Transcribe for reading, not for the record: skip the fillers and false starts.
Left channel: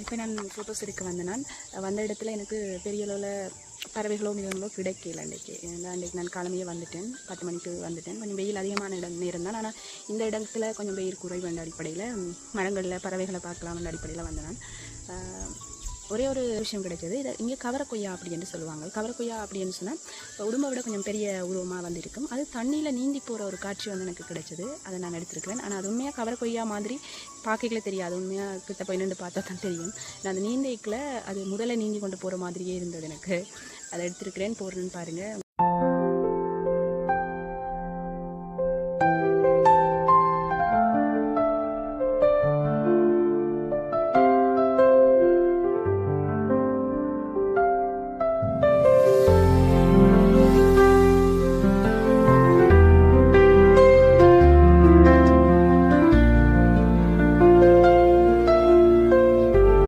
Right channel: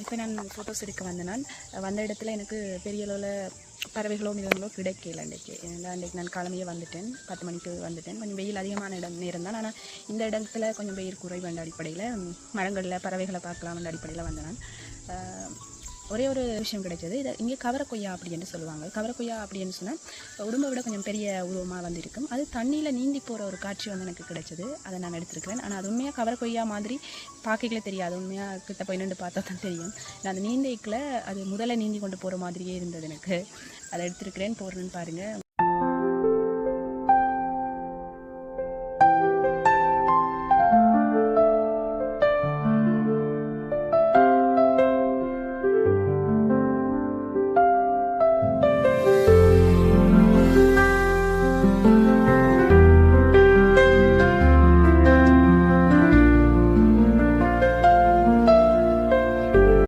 இப்போ நான் ஃபோட்டோஸ் எடுக்க வந்தேன். வந்த இடத்துல எனக்கு பெரிய அளவில் பறவைகளோ மிருகங்களோ கிடைக்கல. அன்றைக்கு நான் காலமையே வந்துட்டேன், 10 மணிக்கு வந்துட்டேன். கொஞ்சம் வெயில் அதிகமான நேரம் தான். ஆனால் இந்த இடத்துல கொஞ்சம் வெயில் குறைவு என்ற அடிப்படையில் மரங்களில் பறவைகளை பார்க்கலாம் என்ற அடிப்படையில் வந்தேன் நான். ஒரே ஒரு விஷயம் கிடைச்சது. இதை இங்கே கவரக்கொய்யா அப்படின்னு சொல்லுவாங்க. கவரக்கொய்யா அப்படின்னு சொன்னால் உடம்பை விட கொஞ்சம் பெரிய உருவமாக வந்திருக்கும். அது தண்ணியில் நீந்தி போகிற ஒரு காட்சி வந்து எனக்கு கிடைச்சது. அதை நான் எடுத்திருக்கிறேன். ஆனால் அது உண்மையாக கவரக்கொய்யா மாதிரி பார்க்கலே தெரியாது. உண்மையாக கிட்ட போய் நின்று பார்த்தா தான் தெரியும். நான் அந்த நீந்தைக்கில் அது முதல்ல நீந்தி கொண்டு போகிற மாதிரியே இருந்தது எனக்கு. அதை எடுத்திருக்கிறேன், போடுறேன்னு பாருங்கள்.